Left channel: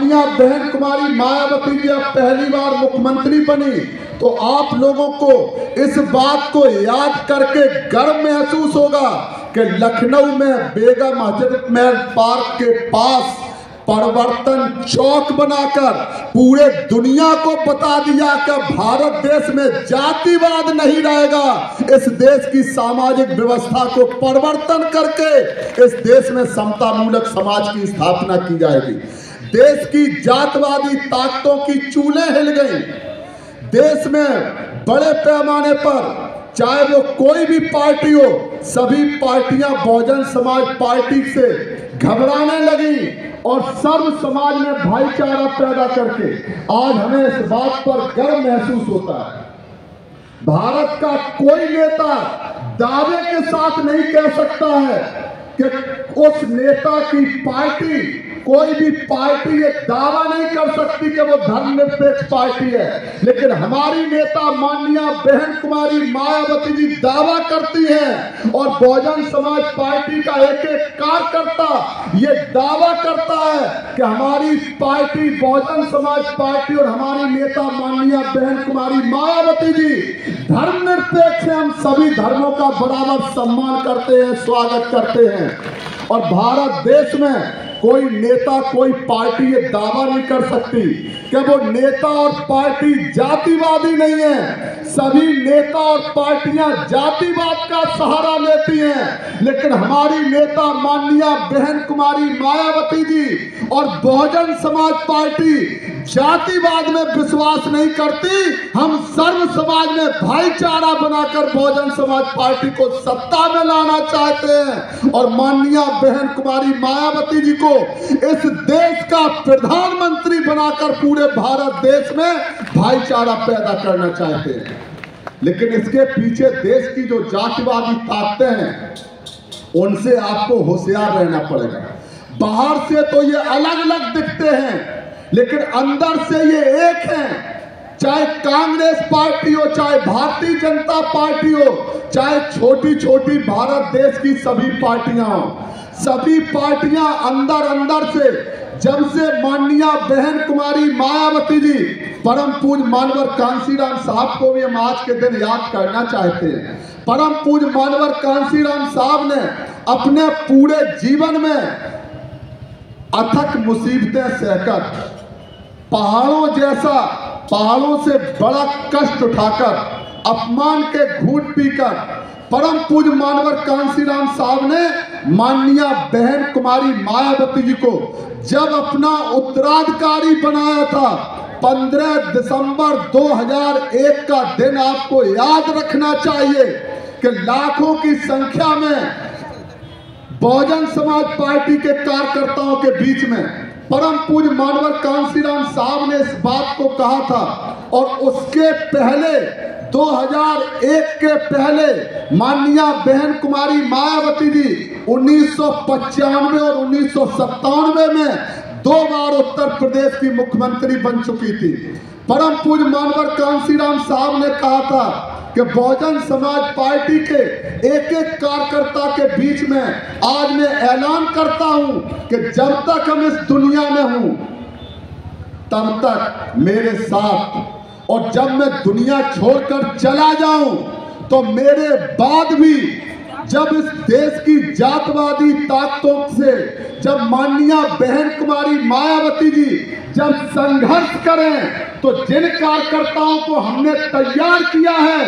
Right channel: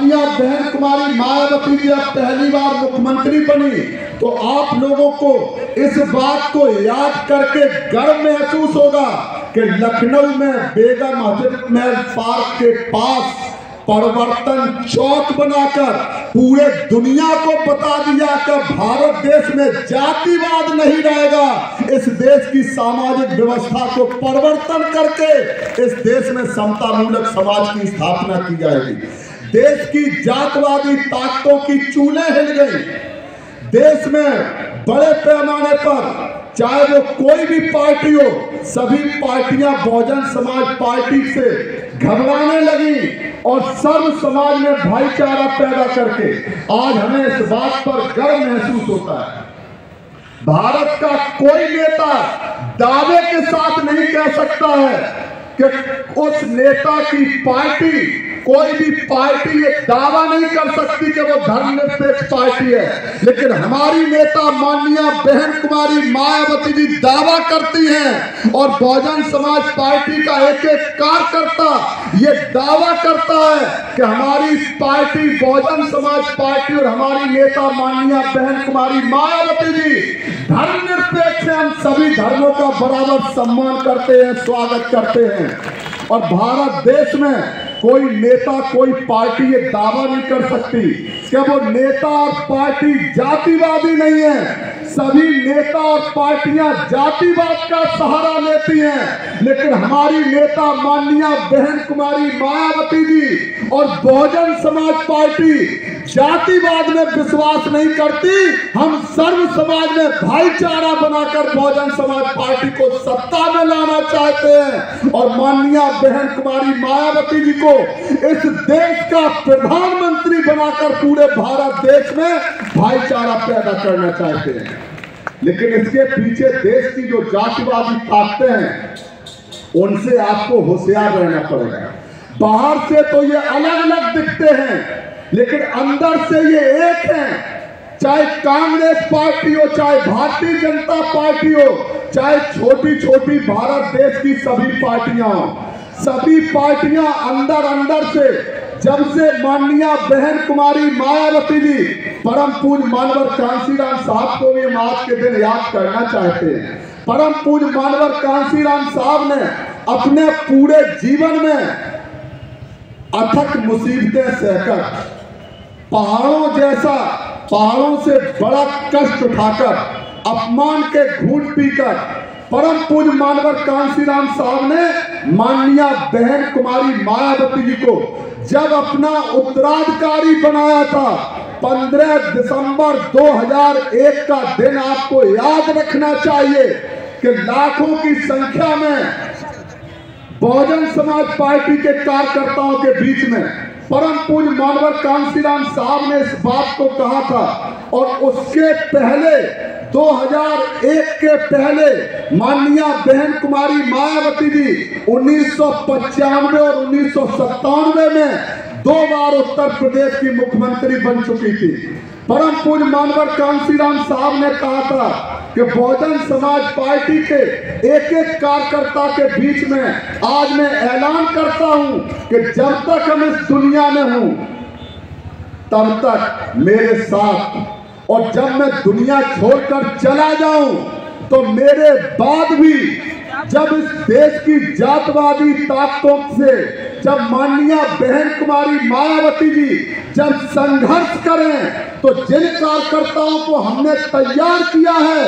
माननीय बहन कुमारी मायावती जी अब पहली बार मुख्यमंत्री बनी तो आप लोगों को इस बात को याद करके गर्व महसूस होगा कि लखनऊ में बेगम हजरत महल पार्क के पास परिवर्तन चौक बनाकर पूरे दुनिया को बता दिया कि भारत देश में जातिवाद नहीं रहेगा। इस देश की सामाजिक व्यवस्था को परिवर्तन करके इस देश में समतामूलक समाज की स्थापना की जाएगी। देश की जातवादी ताकतों की चूलें हिल गई। देश में बड़े पैमाने पर चाहे वो कोई भी पार्टी हो, सभी पार्टियां बहुजन समाज पार्टी से घबराने लगी और सर्व समाज में भाईचारा पैदा करके आज हमें इस बात पर गर्व महसूस होता है। भारत का कोई नेता दावे के साथ नहीं कह सकता है कि उस नेता की पार्टी, कोई भी पार्टी ये दावा नहीं कर सकती कि वो धर्मनिरपेक्ष पार्टी है, लेकिन हमारी नेता माननीय बहन कुमारी मायावती जी दावा करती हैं और बहुजन समाज पार्टी का एक एक कार्यकर्ता ये दावा करता है कि हमारी पार्टी बहुजन समाज पार्टी और हमारी नेता माननीय बहन कुमारी मायावती जी धर्मनिरपेक्ष है। हम सभी धर्मों का बराबर सम्मान करते हैं, स्वागत करते हैं और भारत देश में कोई नेता, कोई पार्टी ये दावा नहीं कर सकती कि वो नेता और पार्टी जातिवादी नहीं है। सभी नेता और पार्टियां जातिवाद का सहारा लेती हैं, लेकिन हमारी नेता माननीय बहन कुमारी मायावती जी और बहुजन समाज पार्टी जातिवाद में विश्वास नहीं करती। हम सर्व समाज में भाईचारा बनाकर बहुजन समाज पार्टी को सत्ता में लाना चाहते हैं और माननीय बहन कुमारी मायावती जी को इस देश का प्रधानमंत्री बनाकर पूरे भारत देश में भाईचारा पैदा करना चाहते हैं। लेकिन इसके पीछे देश की जो जातिवादी ताकतें हैं उनसे आपको होशियार रहना पड़ेगा। बाहर से तो ये अलग अलग दिखते हैं, लेकिन अंदर से ये एक हैं। चाहे कांग्रेस पार्टी हो, चाहे भारतीय जनता पार्टी हो, चाहे छोटी छोटी भारत देश की सभी पार्टियां हो, सभी पार्टियां अंदर अंदर से जब से माननीय बहन कुमारी मायावती जी, परम पूज्य मानवर कांशीराम साहब को भी हम आज के दिन याद करना चाहते हैं। परम पूज्य मानवर कांशीराम साहब ने अपने पूरे जीवन में अथक मुसीबतें सहकर पहाड़ों से बड़ा कष्ट उठाकर अपमान के घूंट पीकर परम पूज्य मानवर कांशीराम साहब ने माननीय बहन कुमारी मायावती जी को जब अपना उत्तराधिकारी बनाया था 15 दिसंबर 2001 का दिन आपको याद रखना चाहिए कि लाखों की संख्या में बहुजन समाज पार्टी के कार्यकर्ताओं के बीच में परम पूज्य मानवर कांशीराम साहब ने इस बात को कहा था और उसके पहले 2001 के पहले माननीय बहन कुमारी मायावती जी 1995 और 1997 में 2 बार उत्तर प्रदेश की मुख्यमंत्री बन चुकी थी। परम पूज्य मानवर कांशीराम साहब ने कहा था कि बहुजन समाज पार्टी के एक एक कार्यकर्ता के बीच में आज मैं ऐलान करता हूं कि जब तक हम इस दुनिया में हूं तब तक मेरे साथ, और जब मैं दुनिया छोड़कर चला जाऊं तो मेरे बाद भी जब इस देश की जातवादी ताकतों से जब माननीय बहन कुमारी मायावती जी जब संघर्ष करें तो जिन कार्यकर्ताओं को हमने तैयार किया है,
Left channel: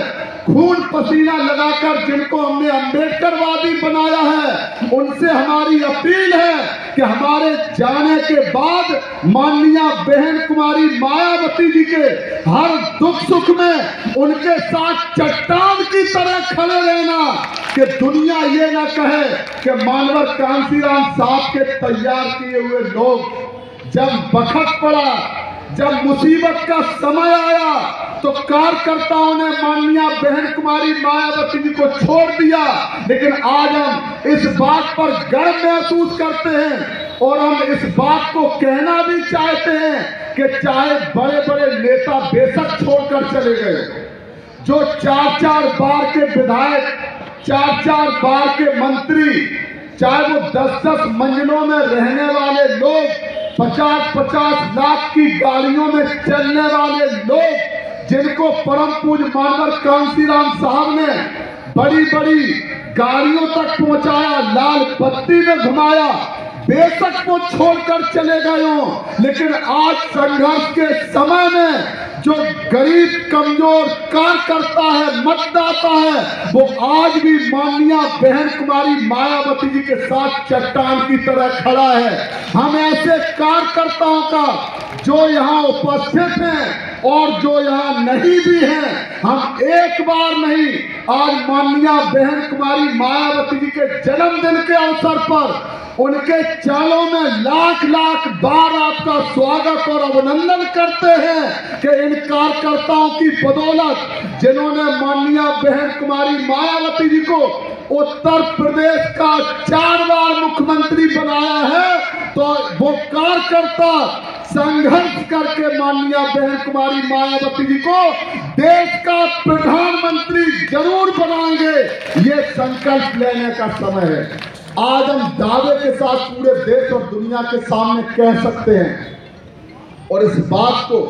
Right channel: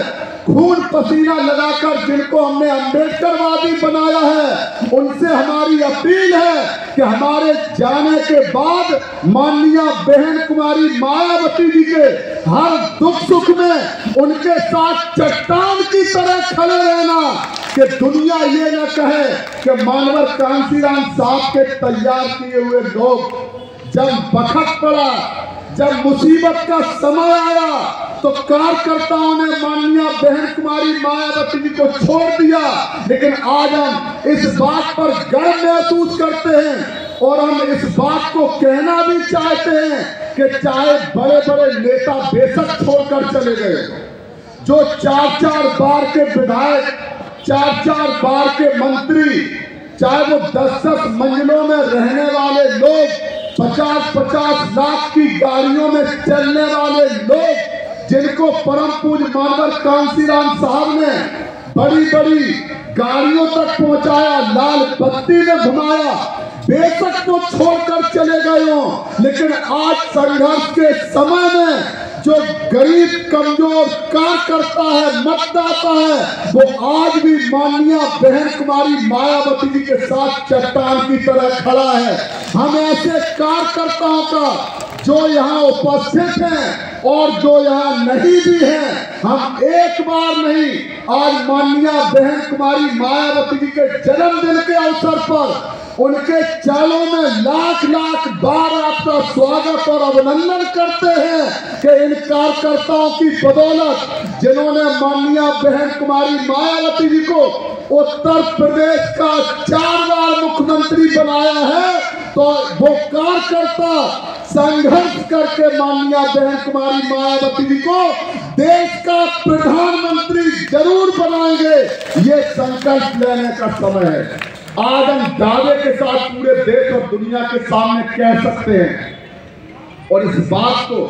खून पसीना लगाकर जिनको हमने अम्बेडकरवादी बनाया है, उनसे हमारी अपील है कि हमारे जाने के बाद माननीय बहन कुमारी मायावती जी के हर दुख सुख में उनके साथ चट्टान की तरह खड़े रहना, कि दुनिया ये ना कहे कि मानवर कांशीराम साहब के तैयार किए हुए लोग जब वक्त पड़ा, जब मुसीबत का समय आया तो कार्यकर्ताओं ने माननीय बहन कुमारी मायावती जी को छोड़ दिया। लेकिन आज हम इस बात पर गर्व महसूस करते हैं और हम इस बात को कहना भी चाहते हैं कि चाहे बड़े बड़े नेता बेशक छोड़कर चले गए, जो 4-4 बार के विधायक, 4-4 बार के मंत्री, चाहे वो 10-10 मंजिलों में रहने वाले लोग 50-50 लाख की गाड़ियों में चलने वाले लोग, जिनको परम पूज्य मानवर कांसीराम साहब ने बड़ी बड़ी गाड़ियों तक पहुंचाया, लाल बत्ती में घुमाया, बेशक वो छोड़कर चले गए हों, लेकिन आज संघर्ष के समय में जो गरीब कमजोर कार्यकर्ता है, मतदाता है, वो आज भी माननीय बहन कुमारी मायावती जी के साथ चट्टान की तरह खड़ा है। हम ऐसे कार्यकर्ताओं का जो यहाँ उपस्थित हैं और जो यहाँ नहीं भी हैं, हम एक बार नहीं, आज माननीय बहन कुमारी मायावती जी के जन्मदिन के अवसर पर उनके चरणों में लाख लाख बार आपका स्वागत और अभिनंदन करते हैं कि इन कार्यकर्ताओं की बदौलत, जिन्होंने माननीय बहन कुमारी मायावती जी को उत्तर प्रदेश का 4 बार मुख्यमंत्री बनाया है, तो वो कार्यकर्ता संघर्ष करके माननीय बहन कुमारी मायावती जी को देश का प्रधानमंत्री जरूर बनाएंगे। ये संकल्प लेने का समय है। आज हम दावे के साथ पूरे देश और दुनिया के सामने कह सकते हैं, और इस बात को,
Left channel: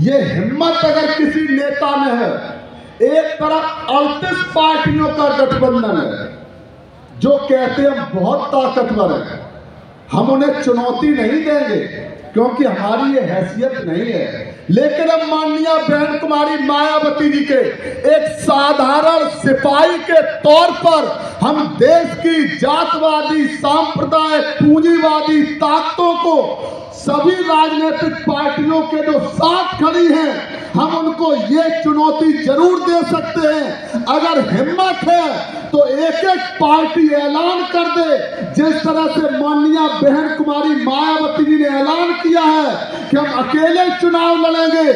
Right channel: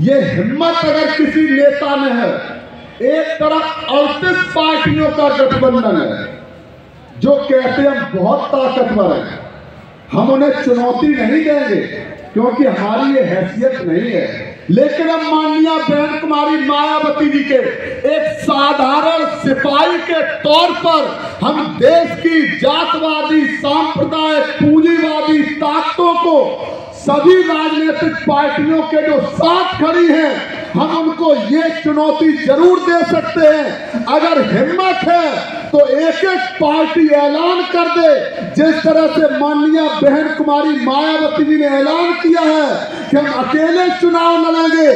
ये हिम्मत अगर किसी नेता में है, एक तरफ 38 पार्टियों का गठबंधन है जो कहते हैं हम बहुत ताकतवर हैं, हम उन्हें चुनौती नहीं देंगे क्योंकि हमारी ये हैसियत नहीं है, लेकिन हम माननीय बहन कुमारी मायावती जी के एक साधारण सिपाही के तौर पर हम देश की जातवादी, सांप्रदायिक, पूंजीवादी ताकतों को, सभी राजनीतिक पार्टियों के जो साथ खड़ी हैं, हम उनको ये चुनौती जरूर दे सकते हैं। अगर हिम्मत है तो एक एक पार्टी ऐलान कर दे, जिस तरह से माननीय बहन कुमारी मायावती जी ने ऐलान किया है कि हम अकेले चुनाव लड़ेंगे।